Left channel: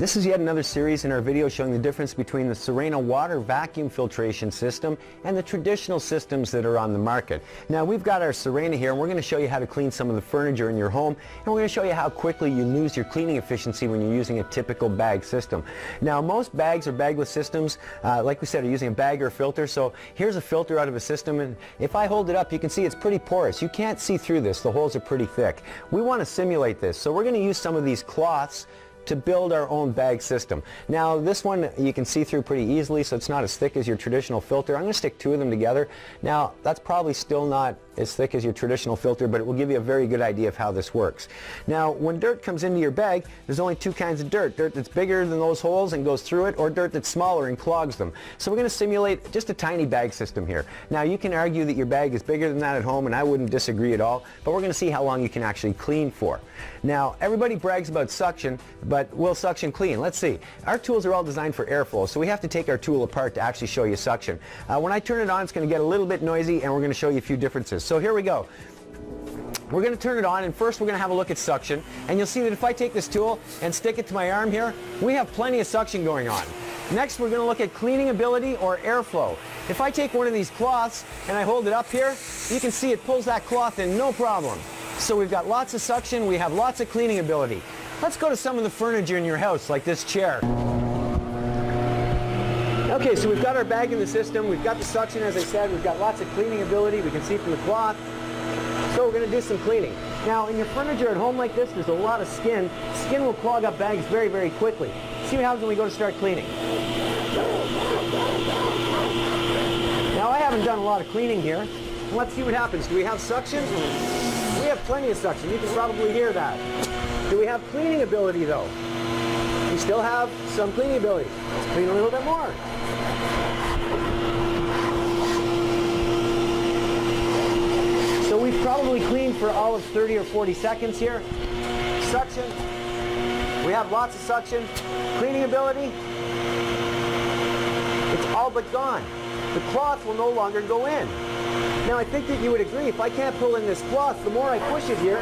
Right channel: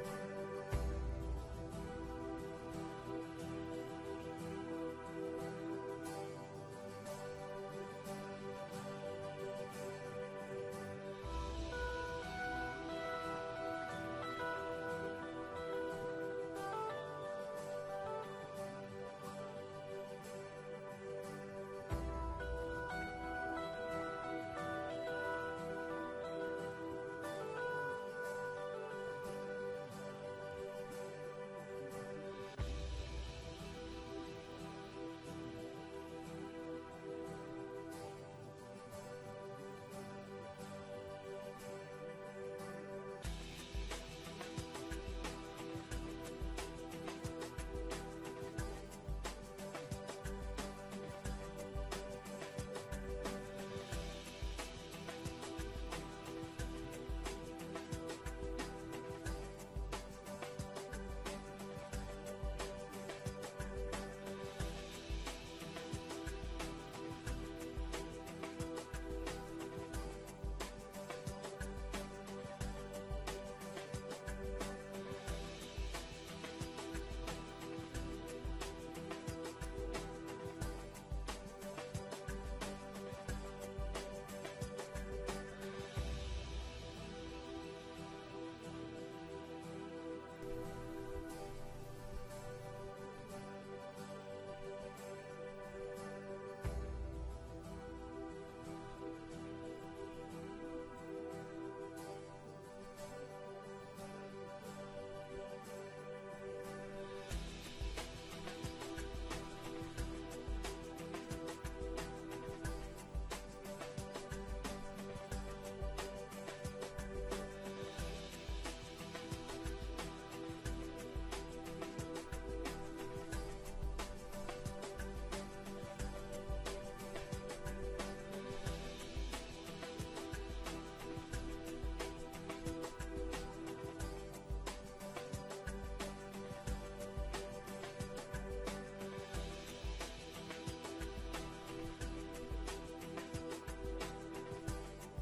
This is yet another series in our video showing the difference between the Sirena water vacuum filtration system and the traditional systems that are on the market. Now we've got our Sirena here and we're going to show you how to clean some of the furniture in your home, and we're going to show you how quickly you lose your cleaning efficiency when you're using a typical bag system. Now most bags or bagless systems, like we said, are using a bag or a filter. So here's a filter out of a system, and if I hold it up you can see it's pretty porous. You can't see through this. The holes are pretty thick. We want to simulate this, so we're going to use some of these cloths to build our own bag system. Now this one you can see through pretty easily, so it's not as thick as your traditional filter. I'm going to stick two of them together. Now that's probably still not as thick as your traditional filter, but it will give you a very good idea of how this works. Now when dirt comes into your bag, there's only two kinds of dirt. Dirt that's bigger than those holes and goes through it, or dirt that's smaller and clogs them. So we're going to simulate just a tiny bag system here. Now you can argue that your bag is bigger than that at home, and I wouldn't disagree at all, but we're going to see how long you can actually clean for. Now everybody brags about suction, but will suction clean? Let's see. Our tools are all designed for airflow, so we have to take our tool apart to actually show you suction. When I turn it on, it's going to get a little bit noisy, and we're going to show you a few differences. So here we go. We're going to turn it on, and first we're going to have a look at suction, and you'll see that if I take this tool and stick it to my arm here, we have plenty of suction going on. Next we're going to look at cleaning ability or airflow. If I take one of these cloths and I hold it up here, you can see it pulls that cloth in no problem. So we've got lots of suction, we have lots of cleaning ability. Let's go to some of the furniture in your house, like this chair. Okay, so we've got our bag in the system, we've got the suction, as I said, we've got lots of cleaning ability, we can see through the cloth. So we're going to do some cleaning. Now in your furniture at home like this, there's a lot of skin. Skin will clog up bags very, very quickly. See what happens when we go to start cleaning. Now I haven't done a lot of cleaning here. Let's see what happens. Do we have suction? We have plenty of suction. You can probably hear that. Do we have cleaning ability though? We still have some cleaning ability. Let's clean a little bit more. So we've probably cleaned for all of 30 or 40 seconds here. Suction. We have lots of suction. Cleaning ability. It's all but gone. The cloth will no longer go in. Now I think that you would agree, if I can't pull in this cloth, the more I push it here,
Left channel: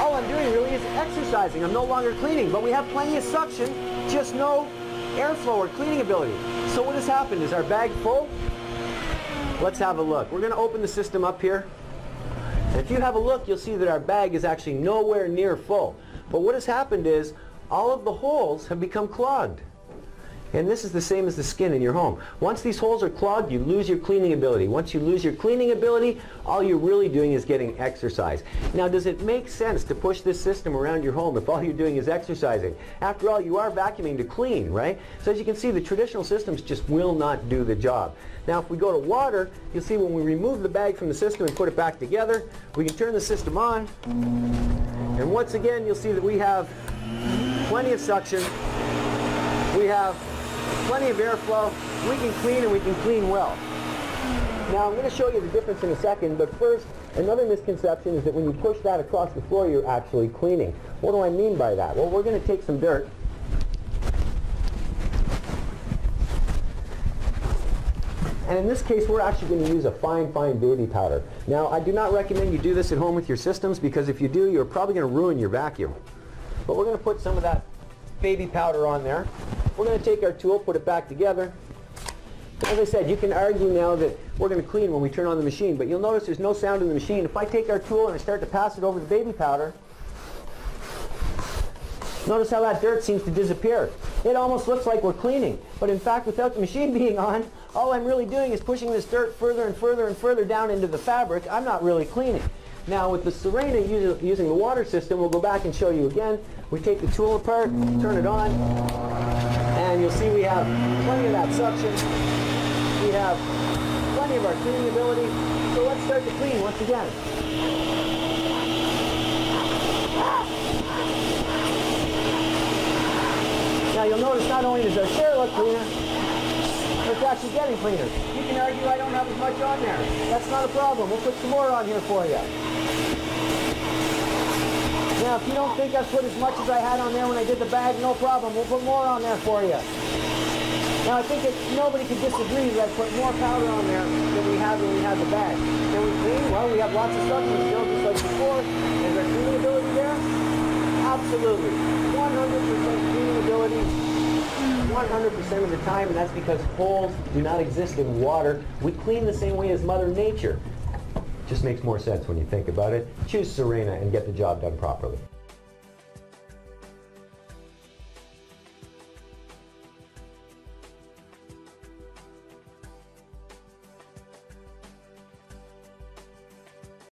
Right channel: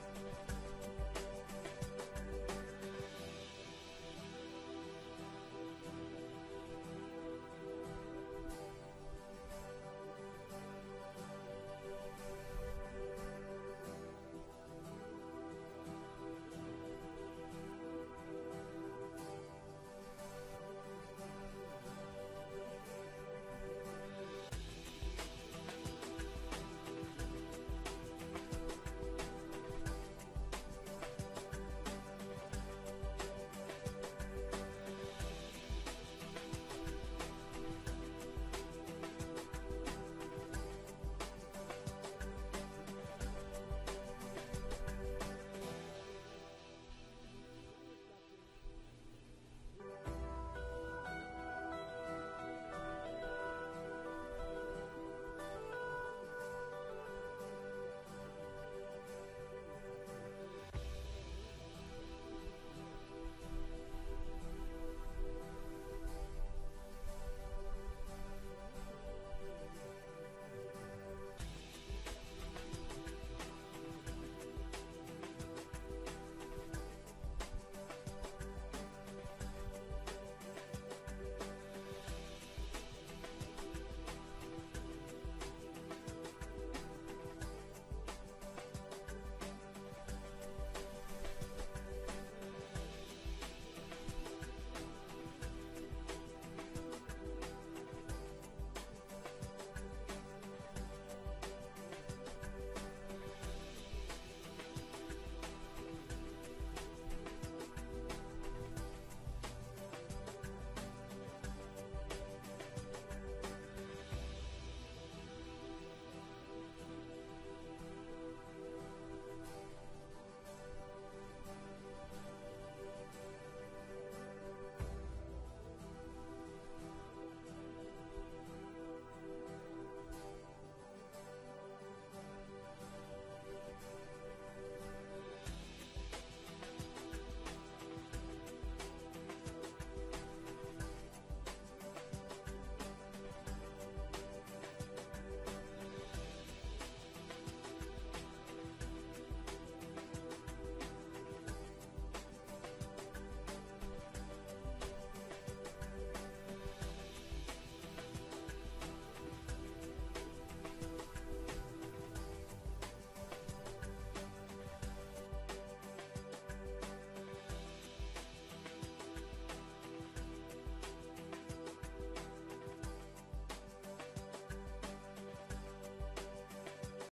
all I'm doing really is exercising. I'm no longer cleaning, but we have plenty of suction, just no airflow or cleaning ability. So what has happened? Is our bag full? Let's have a look. We're going to open the system up here. And if you have a look, you'll see that our bag is actually nowhere near full. But what has happened is all of the holes have become clogged. And this is the same as the skin in your home. Once these holes are clogged, you lose your cleaning ability. Once you lose your cleaning ability, all you're really doing is getting exercise. Now, does it make sense to push this system around your home if all you're doing is exercising? After all, you are vacuuming to clean, right? So as you can see, the traditional systems just will not do the job. Now, if we go to water, you'll see when we remove the bag from the system and put it back together, we can turn the system on. And once again, you'll see that we have plenty of suction. We have plenty of airflow. We can clean, and we can clean well. Now I'm going to show you the difference in a second, but first, another misconception is that when you push that across the floor, you're actually cleaning. What do I mean by that? Well, we're going to take some dirt. And in this case, we're actually going to use a fine, fine baby powder. Now, I do not recommend you do this at home with your systems, because if you do, you're probably going to ruin your vacuum. But we're going to put some of that baby powder on there. We're going to take our tool, put it back together. As I said, you can argue now that we're going to clean when we turn on the machine, but you'll notice there's no sound in the machine. If I take our tool and I start to pass it over the baby powder, notice how that dirt seems to disappear. It almost looks like we're cleaning, but in fact, without the machine being on, all I'm really doing is pushing this dirt further and further and further down into the fabric. I'm not really cleaning. Now with the Sirena using the water system, we'll go back and show you again. We take the tool apart, turn it on, and you'll see we have plenty of that suction. We have plenty of our cleaning ability. So let's start to clean once again. Now you'll notice not only does our chair look cleaner, but it's actually getting cleaner. You can argue I don't have as much on there. That's not a problem. We'll put some more on here for you. Now, if you don't think I've put as much as I had on there when I did the bag, no problem. We'll put more on there for you. Now, I think that nobody could disagree that I put more powder on there than we had when we had the bag. Can we clean? Well, we have lots of suction still, just like before. Is our cleaning ability there? Absolutely. 100%. 100% of the time, and that's because holes do not exist in water. We clean the same way as Mother Nature. Just makes more sense when you think about it. Choose Sirena and get the job done properly.